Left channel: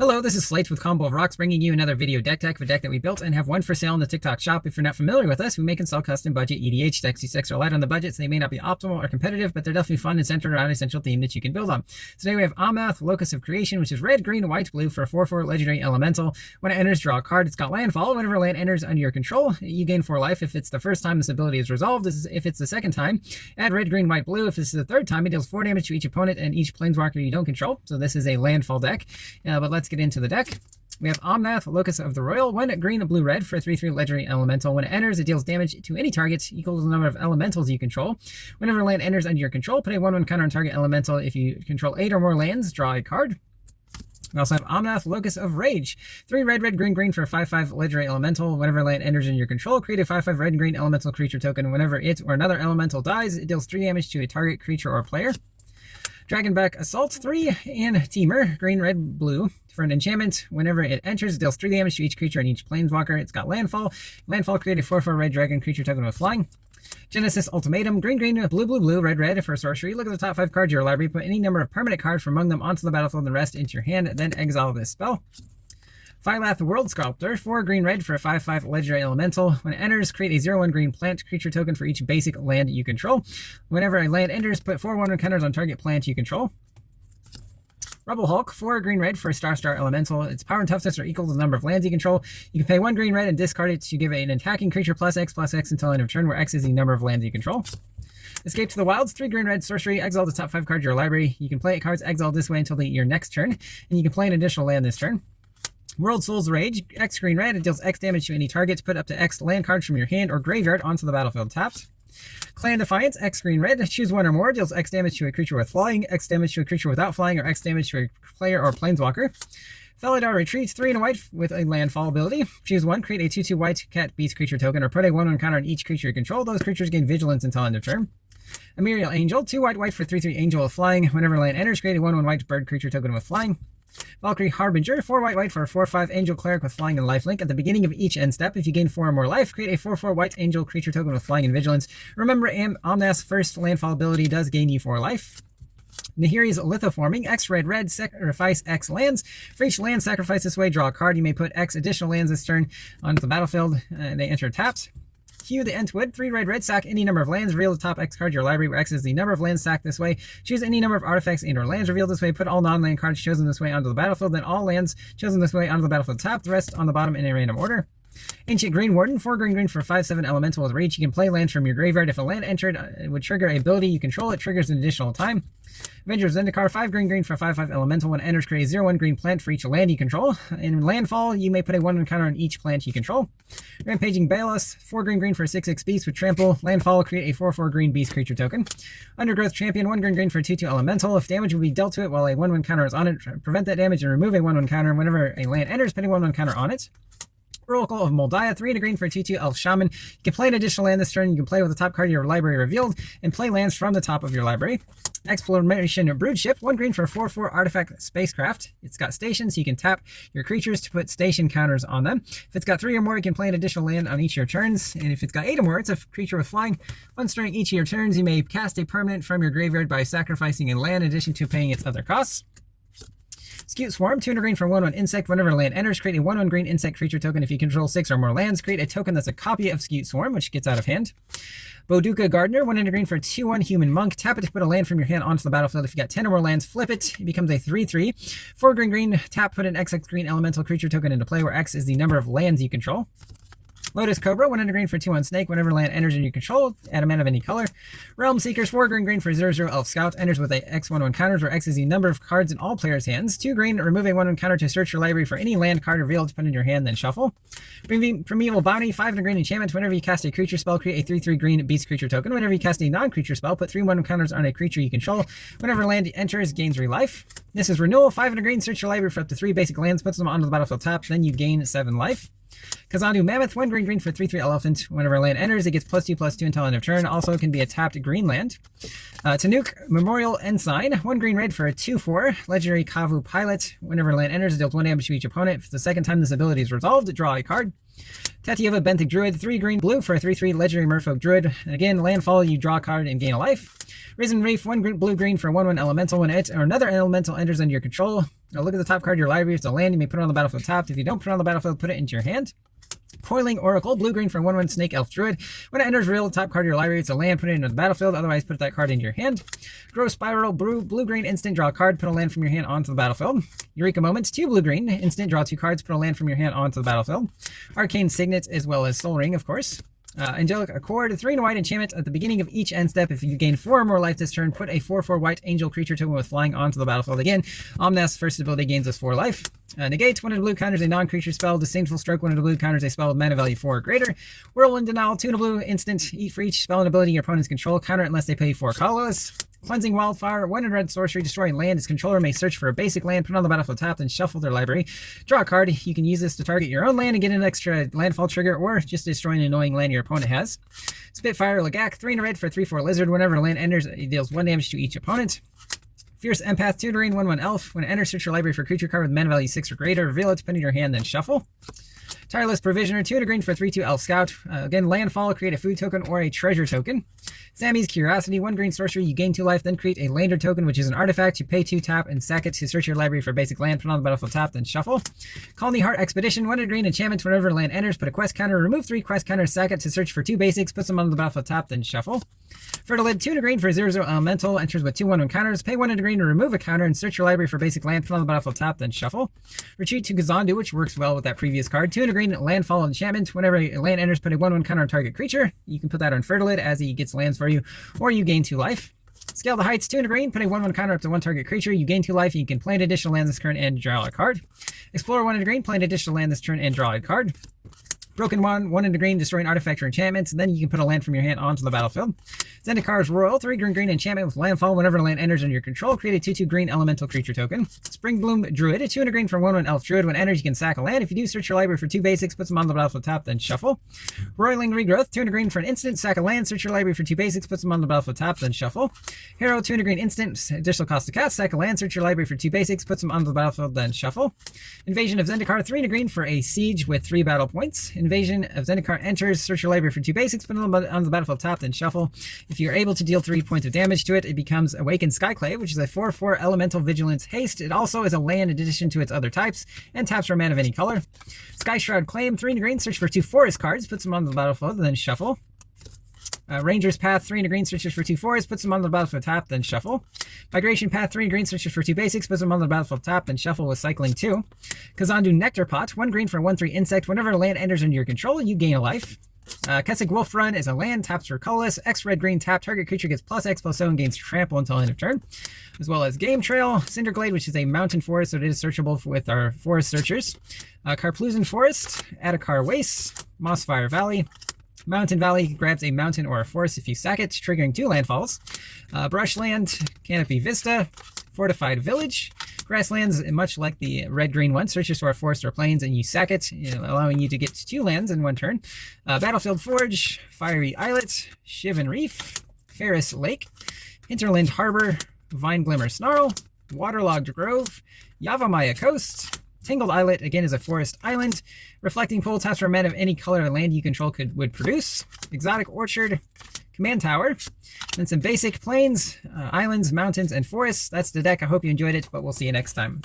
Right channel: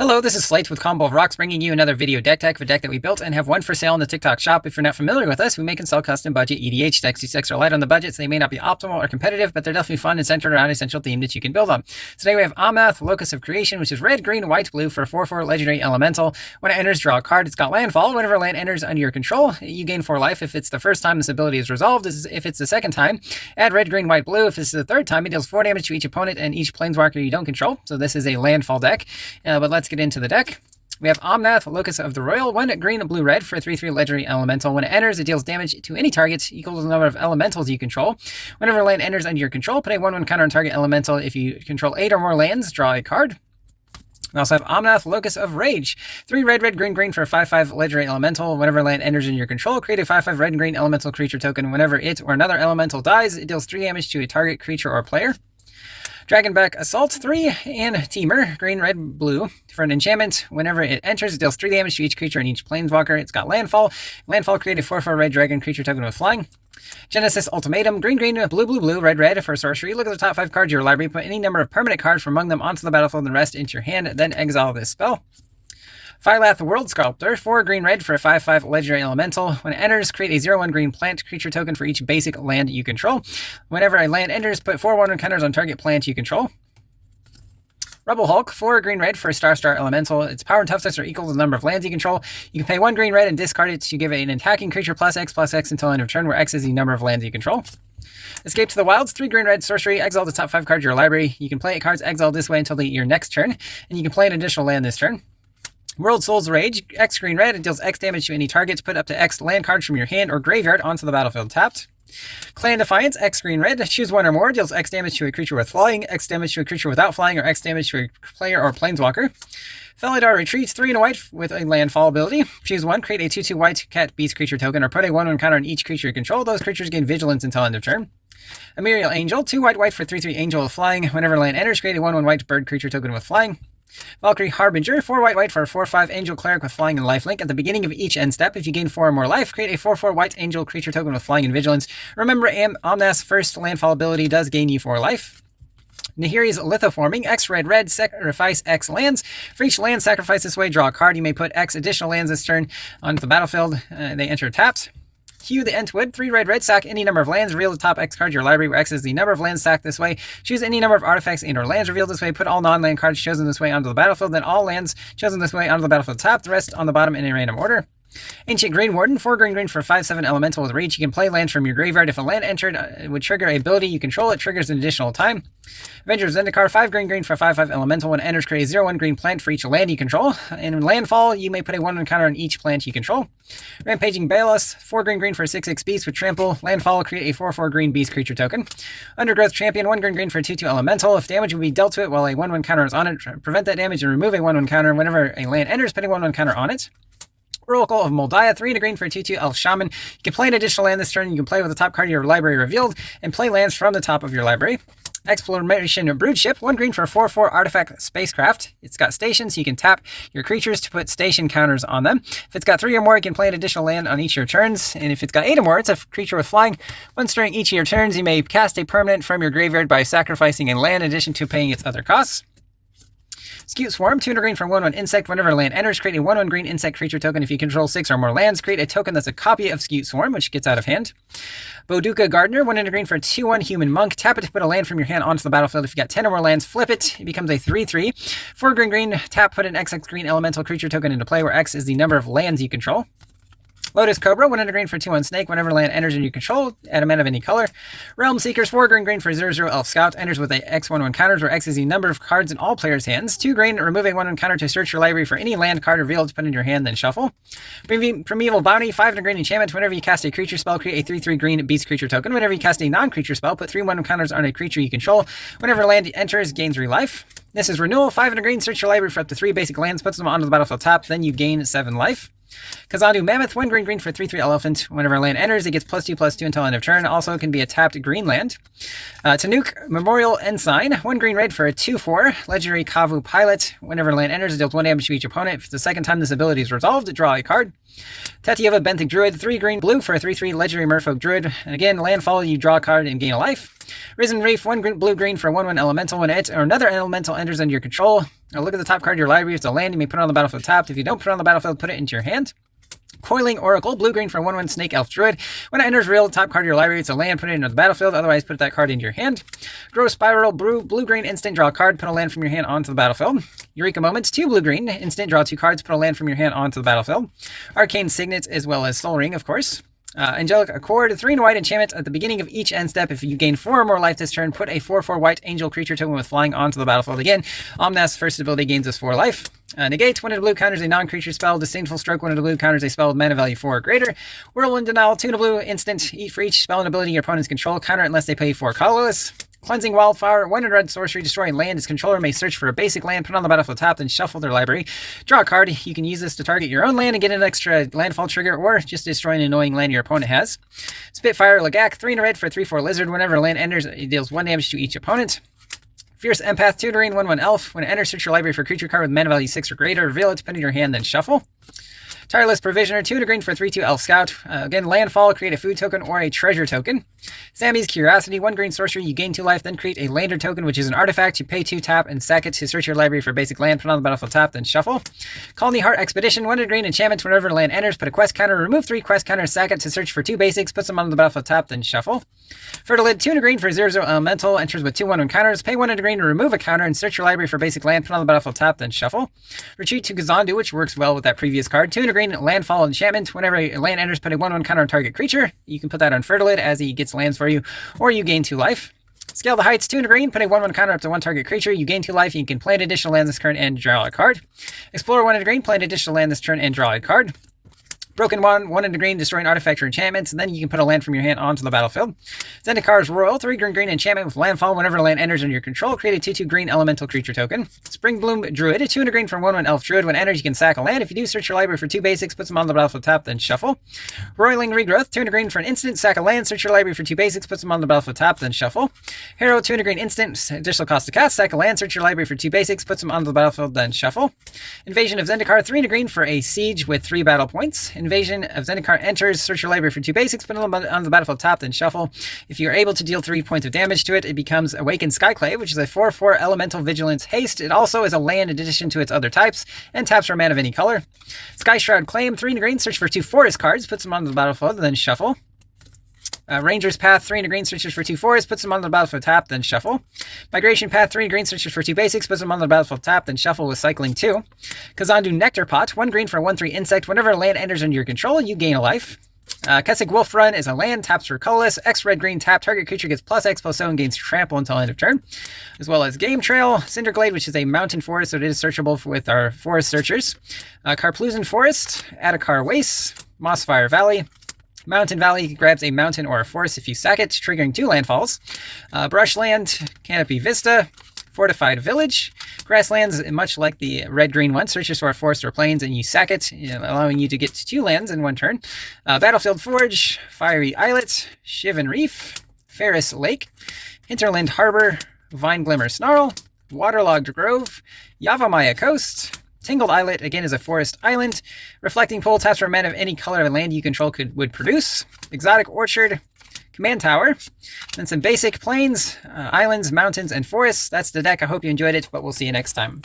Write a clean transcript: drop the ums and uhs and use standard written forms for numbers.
Hello, this is Slate with Combo of Rocks, bringing you another video deck tech of a deck that we built and have one for sale in the TikTok shop. If you're not familiar with us, we make and sell custom budget EDH decks. These decks are light on the budget, so they may not be optimal or competitive, but they're definitely fun and centered around an essential theme that you can build on. Today we have Omnath, Locus of Creation, which is red, green, white, blue for a 4/4 legendary elemental. When it enters, draw a card. It's got Landfall. Whenever land enters under your control, you gain 4 life. If it's the first time this ability is resolved, if it's the second time, add red, green, white, blue. If it's the third time, it deals 4 damage to each opponent and each planeswalker you don't control. So this is a Landfall deck, but let's get into the deck. We have Omnath, Locus of the Royal, 1 green, blue, red for a 3/3 legendary elemental. When it enters, it deals damage to any target equal to the number of elementals you control. Whenever land enters under your control, put a 1/1 counter on target elemental. If you control 8 or more lands, draw a card. We also have Omnath, Locus of Rage, 3 red, red, green, green for a 5/5 legendary elemental. Whenever land enters in your control, create a 5/5 red and green elemental creature token. Whenever it or another elemental dies, it deals 3 damage to a target creature or player. Dragonback Assault, 3 and Teamer, green, red, blue for an enchantment. Whenever it enters, it deals 3 damage to each creature and each planeswalker. It's got Landfall. Landfall, create a 4/4 red dragon creature token with flying. Genesis Ultimatum, green, green, blue, blue, blue, red, red for sorcery. Look at the top 5 cards of your library, put any number of permanent cards from among them onto the battlefield and the rest into your hand, then exile this spell. Phylath World Sculptor, 4 green red for a 5/5 legendary elemental. When it enters, create a 0/1 green plant creature token for each basic land you control. Whenever a land enters, put 4 1/1 counters on target plant you control. Rebel Hulk, 4 green red for a star elemental. Its power and toughness are equal to the number of lands you control. You can pay 1 green red and discard it to give it an attacking creature +X until end of turn, where X is the number of lands you control. Escape to the Wilds, 3 green red sorcery. Exile the top 5 cards of your library. You can play cards exiled this way until your next turn, and you can play an additional land this turn. World Soul's Rage, X green red. It deals X damage to any targets. Put up to X land cards from your hand or graveyard onto the battlefield tapped. Clan Defiance, X green red. Choose 1 or more. Deals X damage to a creature with flying, X damage to a creature without flying, or X damage to a player or planeswalker. Felidar Retreats, 3 and a white with a Landfall ability. Choose 1. Create a 2/2 white cat beast creature token, or put a 1/1 counter on each creature you control. Those creatures gain vigilance until end of turn. Ethereal Angel, 2 white white for 3/3 angel with flying. Whenever land enters, create a 1/1 white bird creature token with flying. Valkyrie Harbinger, 4 white white for a 4/5 angel cleric with flying and lifelink. At the beginning of each end step, if you gain 4 or more life, create a 4/4 white angel creature token with flying and vigilance. Remember, Omnath's first landfall ability does gain you 4 life. Nahiri's Lithoforming, X red red, sacrifice X lands. For each land sacrificed this way, draw a card. You may put X additional lands this turn onto the battlefield. They enter tapped. Hue the Entwood, 3 red red, sack any number of lands, reveal the top X card of your library, where X is the number of lands sacked this way. Choose any number of artifacts and or lands revealed this way, put all non-land cards chosen this way onto the battlefield, then all lands chosen this way onto the battlefield top, the rest on the bottom in a random order. Ancient Green Warden, 4 green green for a 5/7 elemental with reach. You can play lands from your graveyard. If a land entered would trigger a ability you control, it triggers an additional time. Avengers Zendikar, 5 green green for a 5/5 elemental. When it enters, create a 0/1 green plant for each land you control. In Landfall, you may put a 1/1 counter on each plant you control. Rampaging Balos, 4 green green for a 6/6 beast with trample. Landfall, create a 4/4 green beast creature token. Undergrowth Champion, 1 green green for a 2/2 elemental. If damage will be dealt to it while a 1/1 counter is on it, prevent that damage and remove a 1/1 counter. Whenever a land enters, put a 1/1 counter on it. Oracle of Moldiah, 3 and a green for a 2/2 elf shaman. You can play an additional land this turn. You can play with the top card of your library revealed and play lands from the top of your library. Exploration Broodship, 1 green for a 4/4 artifact spacecraft. It's got stations, so you can tap your creatures to put station counters on them. If it's got 3 or more, you can play an additional land on each of your turns. And if it's got 8 or more, it's a creature with flying. Once during each of your turns, you may cast a permanent from your graveyard by sacrificing a land in addition to paying its other costs. Scute Swarm, 2 and a green for 1/1 insect. Whenever a land enters, create a 1/1 green insect creature token. If you control 6 or more lands, create a token that's a copy of Scute Swarm, which gets out of hand. Boduca Gardener, 1 and a green for a 2/1 human monk. Tap it to put a land from your hand onto the battlefield. If you got 10 or more lands, flip it. It becomes a 3/3. 4 green green, tap, put an XX green elemental creature token into play, where X is the number of lands you control. Lotus Cobra, 1 and a green for 2/1 snake. Whenever land enters in your control, add a mana of any color. Realm Seekers, 4 green green for 0/0 elf scout. Enters with a X/1/1 counters, where X is the number of cards in all players' hands. 2 green, remove a 1/1 counter to search your library for any land card revealed to put in your hand, then shuffle. Primeval Bounty, 5 and a green enchantment. Whenever you cast a creature spell, create a 3/3 green beast creature token. Whenever you cast a non-creature spell, put 3 1/1 counters on a creature you control. Whenever land enters, gains 3 life. This is Renewal, 5 and a green. Search your library for up to 3 basic lands, puts them onto the battlefield top, then you gain 7 life. Kazandu Mammoth, 1 green green for 3/3 elephant. Whenever land enters, it gets +2/+2 until end of turn. Also can be a tapped green land. Tanuk Memorial Ensign, 1 green red for a 2/4 legendary Kavu pilot. Whenever land enters, it deals 1 damage to each opponent. If it's the second time this ability is resolved, draw a card. Tatieva Benthic Druid, 3 green blue for a 3/3 legendary merfolk druid. And again, landfall, you draw a card and gain a life. Risen Reef, 1 blue-green for a 1/1 elemental. When it or another elemental enters under your control, look at the top card of your library. If it's a land, you may put it on the battlefield tapped. If you don't put it on the battlefield, put it into your hand. Coiling Oracle, blue-green for a 1/1 Snake Elf Druid. When it enters real, top card of your library, it's a land, put it into the battlefield. Otherwise, put that card into your hand. Grow Spiral, blue-green instant, draw a card, put a land from your hand onto the battlefield. Eureka Moments, 2 blue-green instant, draw 2 cards, put a land from your hand onto the battlefield. Arcane Signet, as well as Soul Ring, of course. Angelic Accord, 3 white enchantment. At the beginning of each end step, if you gain 4 or more life this turn, put a 4/4 white angel creature token with flying onto the battlefield. Again, Omnath's first ability gains us 4 life. Negate, 1 blue counters a non-creature spell. Disdainful Stroke, 1 blue counters a spell with mana value 4 or greater. Whirlwind Denial, 2 blue instant. For each spell and ability your opponents control, counter it unless they pay 4 colorless. Cleansing Wildfire, 1 red sorcery, destroying land. Its controller may search for a basic land, put it on the battlefield tapped, and shuffle their library. Draw a card. You can use this to target your own land and get an extra landfall trigger, or just destroy an annoying land your opponent has. Spitfire Lagak, 3 red for a 3/4 lizard. Whenever a land enters, it deals 1 damage to each opponent. Fierce Empath, 2 green, 1/1 elf. When it enters, search your library for a creature card with mana value 6 or greater. Reveal it, put it in your hand, then shuffle. Tireless Provisioner, 2 green for a 3/2 elf scout. Again, landfall, create a food token or a treasure token. Sammy's Curiosity, 1 green sorcery, you gain 2 life, then create a lander token, which is an artifact. You pay 2, tap, and sack it to search your library for basic land, put it on the battlefield tap, then shuffle. Colony Heart Expedition, 1 green enchantment. Whenever land enters, put a quest counter, remove 3 quest counters, sack it to search for 2 basics, puts them on the battlefield tap, then shuffle. Fertilid, 2 green for 0/0 elemental, enters with 2 1/1 counters, pay 1 green to remove a counter and search your library for basic land, put on the battlefield tap, then shuffle. Retreat to Gazandu, which works well with that previous card, 2 green landfall enchantment. Whenever a land enters, put a 1/1 counter on target creature. You can put that on Fertilid as he gets lands for you, or you gain 2 life. Scale the Heights, 2 green, put a 1/1 counter up to 1 target creature. You gain 2 life. You can play an additional land this turn and draw a card. Explore, 1 green, play an additional land this turn and draw a card. Broken 1 green, destroy an artifact or enchantment, and then you can put a land from your hand onto the battlefield. Zendikar Royal, 3 green enchantment with landfall. Whenever a land enters under your control, create a 2/2 green elemental creature token. Spring Bloom Druid, 2 green for 1/1 elf druid. When it enters, you can sack a land. If you do, search your library for 2 basics, put them on the battlefield tap, then shuffle. Roiling Regrowth, 2 green for an instant, sack a land, search your library for 2 basics, put them on the battlefield tap, then shuffle. Hero, 2 green instant, additional cost to cast, sack a land, search your library for 2 basics, put them on the battlefield, then shuffle. Invasion of Zendikar, 3 green for a siege with 3 battle points. Invasion of Zendikar enters, search your library for 2 basics, put it on the battlefield tap, then shuffle. If you're able to deal 3 points of damage to it, it becomes Awakened Skyclave, which is a 4/4 elemental vigilance haste. It also is a land in addition to its other types, and taps for a mana of any color. Sky Shroud Claim, 3 green, search for 2 forest cards, puts them on the battlefield, then shuffle. Ranger's Path, 3 green, searches for 2 forests, puts them on the battlefield tap, then shuffle. Migration Path, 3 green, searches for 2 basics, puts them on the battlefield tap, then shuffle with cycling 2. Kazandu Nectar Pot, 1 green for a 1/3 insect. Whenever a land enters under your control, you gain a life. Kessig Wolf Run is a land, taps for colorless, X red green tap, target creature gets +X/+0 and gains trample until end of turn. As well as Game Trail, Cinderglade, which is a mountain forest, so it is searchable with our forest searchers. Carplusen Forest, Adakar Waste, Mossfire Valley. Mountain Valley grabs a mountain or a forest if you sack it, triggering 2 landfalls. Brushland, Canopy Vista, Fortified Village. Grasslands, much like the red-green one, searches for a forest or plains and you sack it, allowing you to get 2 lands in 1 turn. Battlefield Forge, Fiery Islet, Shivan Reef, Ferris Lake, Hinterland Harbor, Vine Glimmer Snarl, Waterlogged Grove, Yavamaya Coast. Tingled Islet, again, is a forest island. Reflecting Pool, taps for a mana of any color of land you control would produce. Exotic Orchard, Command Tower. Then some basic plains, islands, mountains, and forests. That's the deck. I hope you enjoyed it, but we'll see you next time.